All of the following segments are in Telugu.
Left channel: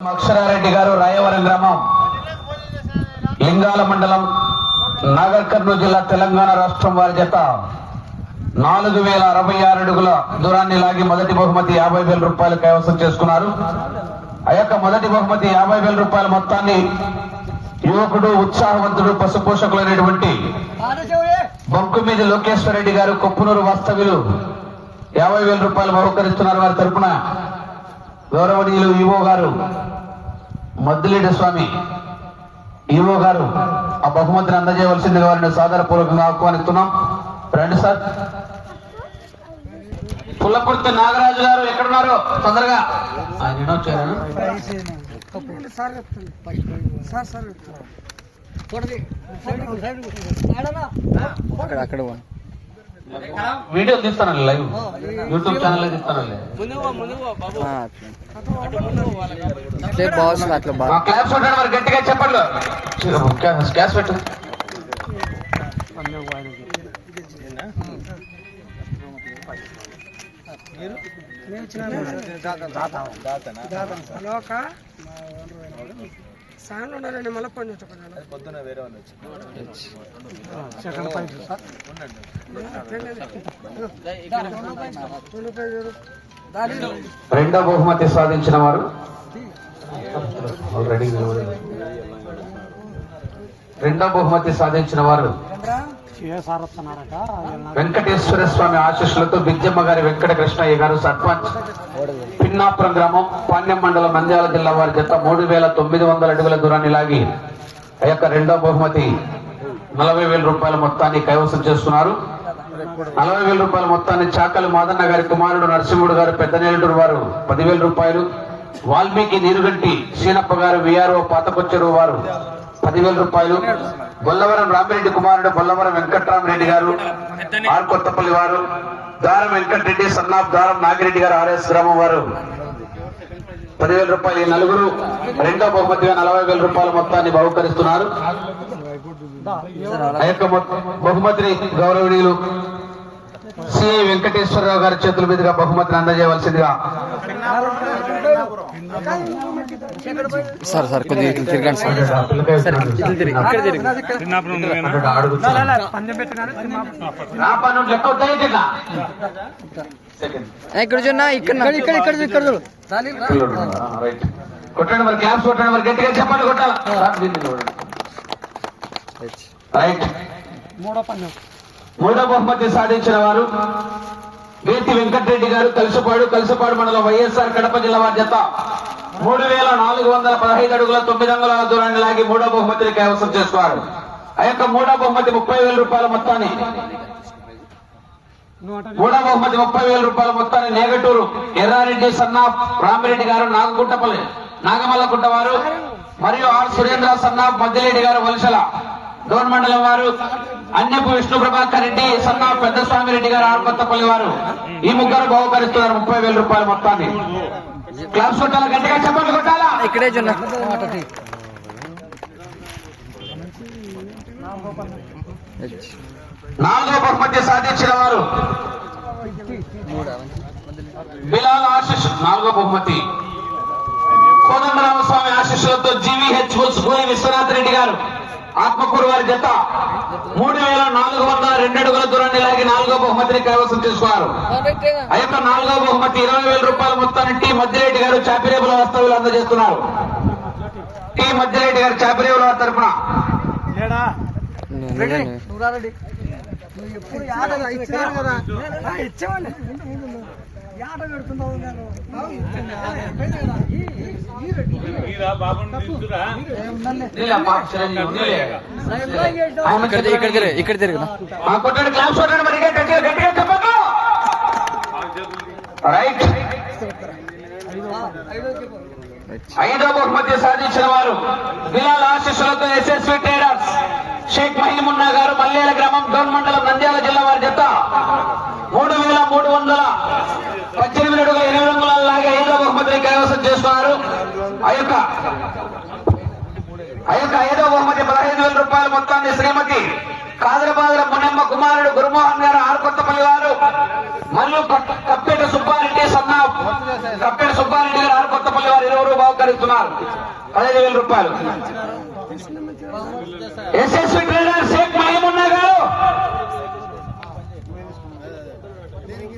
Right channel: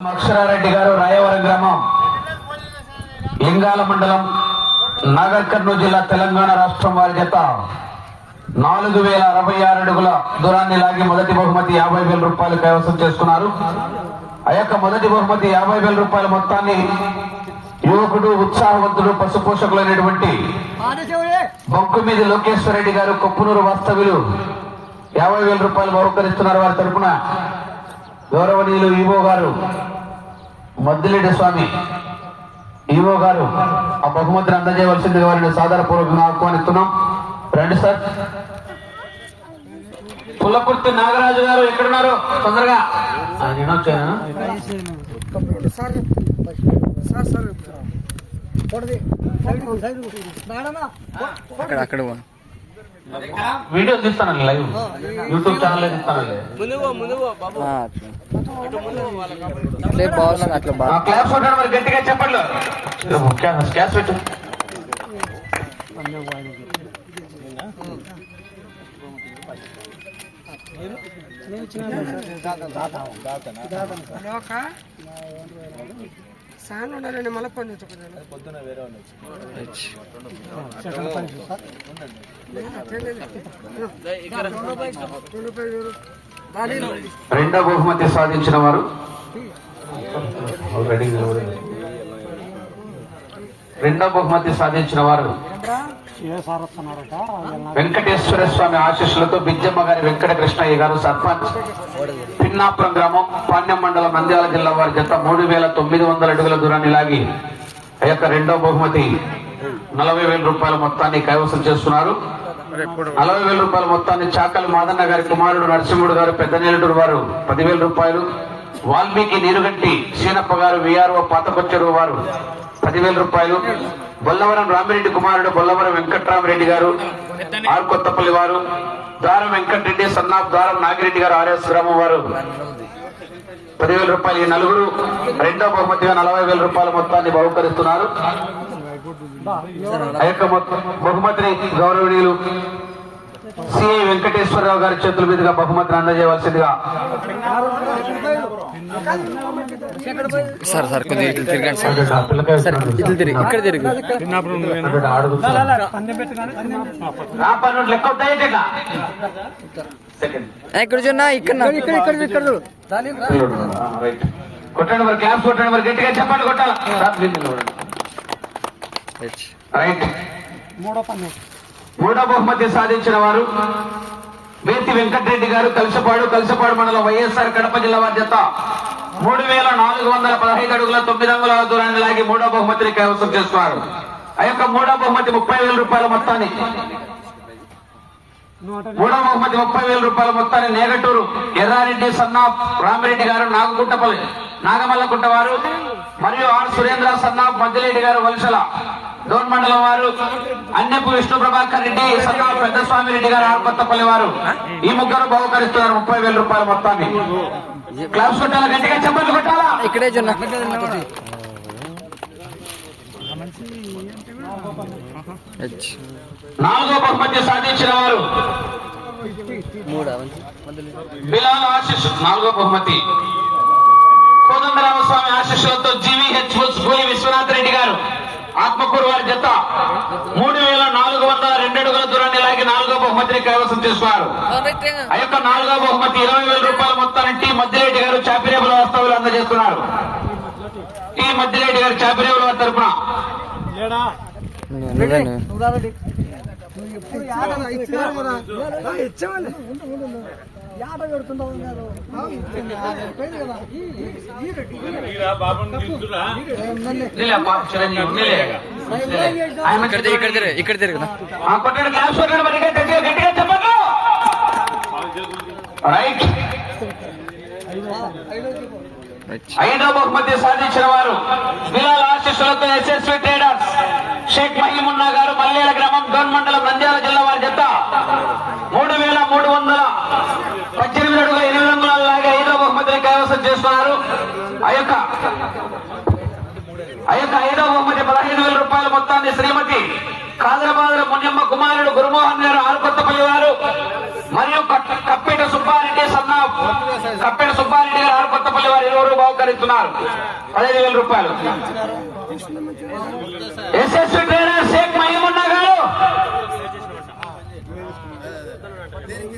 అక్షరారెడ్డి గారు రాయవరం గ్రామం లింగాల మండలం నాగర్ కర్నూలు జిల్లా తెలంగాణ రాష్ట్రం వారి చేత నాలుగు వేల అరవై ఆరు అడుగుల దూరాన్ని లాగి మొదటి బహుమతి యాభై వేల రూపాయలు కైవసం చేసుకున్నారు. ఆ యొక్క మొదటి బహుమతి యాభై వేల రూపాయల మొత్తాన్ని యువకుడు ఉత్సాహవంతుడు పశుపోషకులైనటువంటి బొంకుమీది లోకేశ్వర రెడ్డి గారు కొప్పునూరు వాస్తవ్యులు యాభై వేల రూపాయలు బహుకరిస్తున్నారు వారి తరపున. గౌరవనీయులు ఈవో గారు మద్దిలేటి స్వామి ఈవో గారు ఆ బహుమతిని అందజేయవలసిందిగా వారిని సాధారణపూర్వకంగా ఆహ్వానిస్తున్నాం రండి సార్ పుల్లకుర్తి నాగరాజు గారు ఎక్కడున్నారు తొందరగా నేను వచ్చాను సార్ సార్ అక్కడ అక్కడ వీడియో తీస్తానండి లైవ్. యూట్యూబ్ ఛానల్ తీస్తానండి. ఆ, అట్లా. బాగా క్లాస్ ఉంటాడు మరి గట్టిగా చెప్పండి. క్లాస్ పెట్టు. సార్ ఉండాలండి మళ్ళీ ఫోన్ చెప్పండి రెండో బహుమతి సాధించిన వారు. రెండో బహుమతి సాధించిన వారు? వెంకటేశ్వర స్వామి ఆశీస్సులతో బిజ్జమ్మ గారి వెంకట కృష్ణయ్య గారు సర్పంచ్. పిన్నాపురం గ్రామం పాణ్యం మండలం మంద్యాల జిల్లా వారి జత మూడు వేల తొమ్మిది వందల అడుగుల దూరాన్ని లాగి ఆ యొక్క రెండో బహుమతి నలభై వేల రూపాయల మొత్తాన్ని కైవసం చేస్తున్నారు నలభై వేల రూపాయల మొత్తాన్ని చాకలి మాదన్న గారి కుమారుడు నరసింహుడు గారు పెద్ద నేలటూరు వారు పదివేల రూపాయలు. వాల్మీకి నీరుగంటి సీనప్ప గారు విఆర్ఓ పాతకొచ్చడు వారు పదివేల రూపాయలు. బొల్లవరం రామిరెడ్డి కుమారుడు బొల్లవరం వెంకట్రామరెడ్డి గారు ఆర్ కొత్తపల్లి వారు దారం వెంకటరెడ్డి సన్నాఫ్ దారం నాగిరెడ్డి గారు ఆర్ఎస్ గ్రామం వారు. పదివేల రూపాయలు ఈ నలుగురు రెండో బహుమతిగా నలభై వేల రూపాయల మొత్తాన్ని బహుకరిస్తున్నారు. ఆ యొక్క బహుమతిని గౌరవనీయులు సిఐ వెంకటేశ్వరరావు గారి చేతుల మీదుగా బహుమతిని అందజేయవలసిందిగా. సార్ సార్ కొద్దిగా ఇట్లా తిరగండి సార్. సార్ ఇట్లా తిరిగి ఇక్కడ తిరిగి. ఇక్కడ చూడన్నా ఇక్కడ ఇక్కడ ఇక్కడ ఇక్కడ చూడు. రైట్. కొట్టండి మరి క్లాస్ కొట్టండి మరి గట్టిగా చెప్పండి కొట్టాల? రైట్. మూడో పన్ను మూడో బహుమతి సాధించిన వారు వేతి వెంకటరెడ్డి గారు కలిసిపాడు కలిసిపాడు మండలం వైఎస్ఆర్ కడప జిల్లా వారి మూడు వేల నాలుగు వందల పదహైదు అడుగుల తొమ్మిది అంగుల దూరాన్ని లాగి మూడో బహుమతిని కైవసం చేసుకున్నారు ఆ యొక్క మూడో బహుమతి ముప్పై వేల రూపాయల మొత్తాన్ని మూడో బహుమతి ముప్పై వేల రూపాయల మొత్తాన్ని నేగటూరు ఎర్రారెడ్డి సన్నా రామిరెడ్డి గారు నాగగుంటపల్లి నాగమల్లకుంట వారు మరియు ఆర్ సురేంద్ర సన్నా మద్దిరెడ్డి గారు వలసల డోన్ మండలం వారు అన్నెపు విష్ణు ప్రభాకర్ రెడ్డి సన్నా పెద్ద స్వామి రెడ్డి గారు ఆర్ కొత్తపల్లి వారు ఈ ముగ్గురు బహుకరిస్తున్నారు ముప్పై వేల రూపాయల మొత్తాన్ని. క్లాస్ కొట్టాలా? గట్టిగా కొట్టాలా? ఇక్కడే హెచ్. నాలుగో బహుమతి సాధించిన వారు బిలాల్ ఆశిష్ నాలుగో బహుమతి. కోదండరామస్వామి ఆశీస్సులతో జీవీహెచ్ గోలి విశ్వనాథ్ రెడ్డి గారు ఆత్మకూరు వారి జత మూడు వేల నాలుగు వందల రెండు అడుగుల దూరాన్ని లాగి నాలుగో బహుమతిని కైవసం చేసుకున్నారు. ఆ యొక్క నాలుగో బహుమతి ఇరవై వేల రూపాయల మొత్తాన్ని టీ మధ్యరెడ్డి గారు చాపిరేపుల వాస్తవులు అందజేస్తున్నారు. టీ మధ్యరెడ్డి గారు చాపిరేపుల వారి తరఫున పెడుతున్నావు ఇక్కడ తిరిగి, ఇక్కడ తిరిగి. ఐదో బహుమతి సాధించిన వారు బిలాల్ ఆశీస్సులతో ఎస్ఎస్వి ట్రేడర్స్. షేక్ మహిమున్నా గారు మల్లేల గ్రామం గౌన్ మండలం నంద్యాల జిల్లా వారి జత. మూడు వేల మూడు వందల పద్దెనిమిది అడుగుల ఇరవై రంగుల లాగా ఐదవ బహుమతిని కైవసం చేస్తున్నారు. ఆ యొక్క ఆ యొక్క ఐదో బహుమతి పదహైదు వేల రూపాయల మొత్తాన్ని శ్రీమతి కాదరబాదర మున్నెమ్మ కుమారుడు గురుమోహన్ గారు ఆరుకొత్తపల్లి వారు మరియు కప్పేట సుబ్బారెడ్డి సన్న కప్పేట సుబ్బారెడ్డి గారు ఆరుకొత్తపల్లి వారు ఇరువురు బహుకరిస్తున్నారు. పదహైదు వేల రూపాయలు. ఎస్ఎస్వి ట్రైనర్ షేక్ మహిమున్నా గారు గోపాల్ లేలే మరి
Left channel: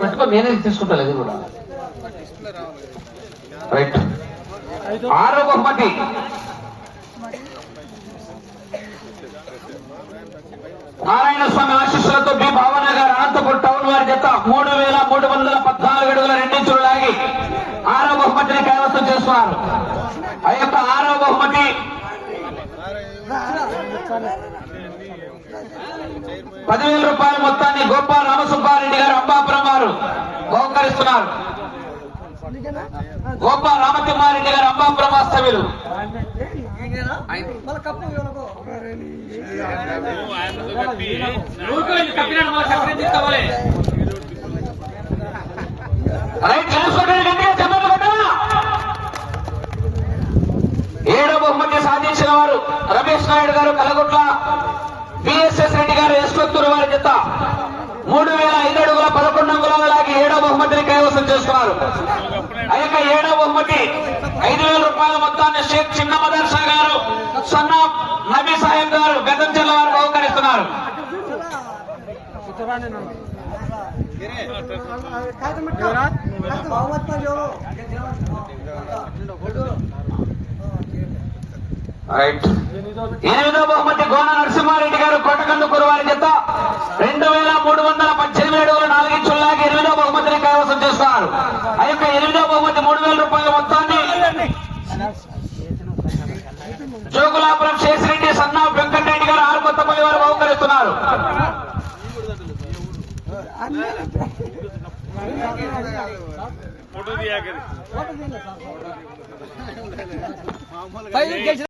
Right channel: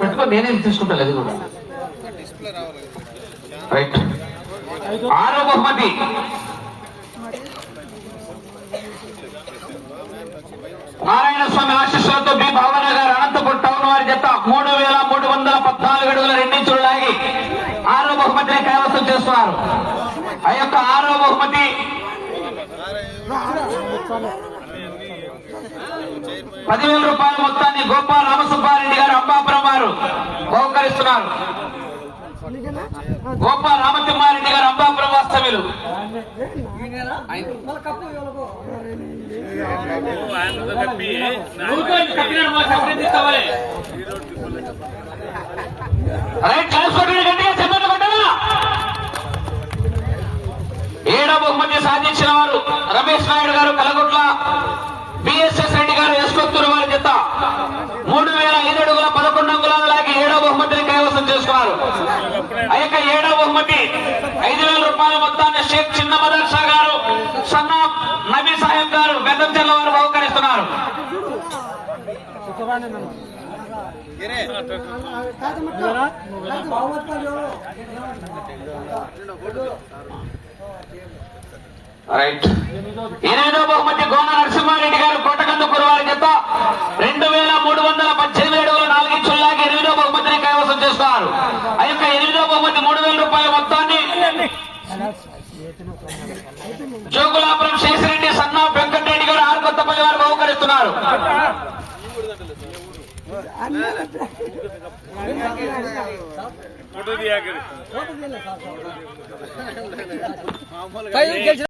పెట్టుకో నేనే తీసుకుంటాను అది కూడా. రైట్ ఆరో బహుమతి. నారాయణ స్వామి ఆశీస్సులతో బి భావన గారు అనంతపురం టౌన్ వారి జత మూడు వేల మూడు వందల పద్నాలుగు అడుగుల రెండించులు లాగి ఆరో బహుమతిని కైవసం చేస్తున్నారు. ఆ యొక్క ఆరో బహుమతి. పదివేల రూపాయల మొత్తాన్ని గోపాల్ రామసుబ్బారెడ్డి గారు అంబాపురం వారు బహుకరిస్తున్నారు గోప గోపాల్ గారు అంబాపురం వాస్తవ్యులు ఏడో బహుమతి సాధించిన వారు రమేష్ నాయుడు గారు కలగొట్ల బిఎస్ఎస్ రెడ్డి గారు ఎస్కొత్తూరు వారి జత మూడు వేల ఐదు అడుగుల పదకొండు అంగుళాల లాగి ఏడో బహుమతిని కైవసం చేసుకున్నారు ఆ యొక్క ఏడో బహుమతి ఐదు వేల రూపాయల మొత్తాన్ని షేక్ చిన్న మదర్సా గారు సన్న నబీ సాహెబ్ గారు బెదంచెర్ల వారు బహుకరిస్తున్నారు. రైట్. ఎనిమిదో బహుమతి గోన నరసింహారెడ్డి గారు కోటకందుకూరు వారి జత రెండు వేల మూడు వందల పద్దెనిమిది అడుగుల నాలుగించుల్లాగి ఎనిమిదో బహుమతిని కైవసం చేస్తున్నారు ఆ యొక్క ఎనిమిదో బహుమతి మూడు వేల రూపాయల మొత్తాన్ని జోగులాపురం శేషిరెడ్డి సన్నా వెంకటరెడ్డి గారు ఆరు కొత్తపల్లి వారు బహుకరిస్తున్నారు ఫోటో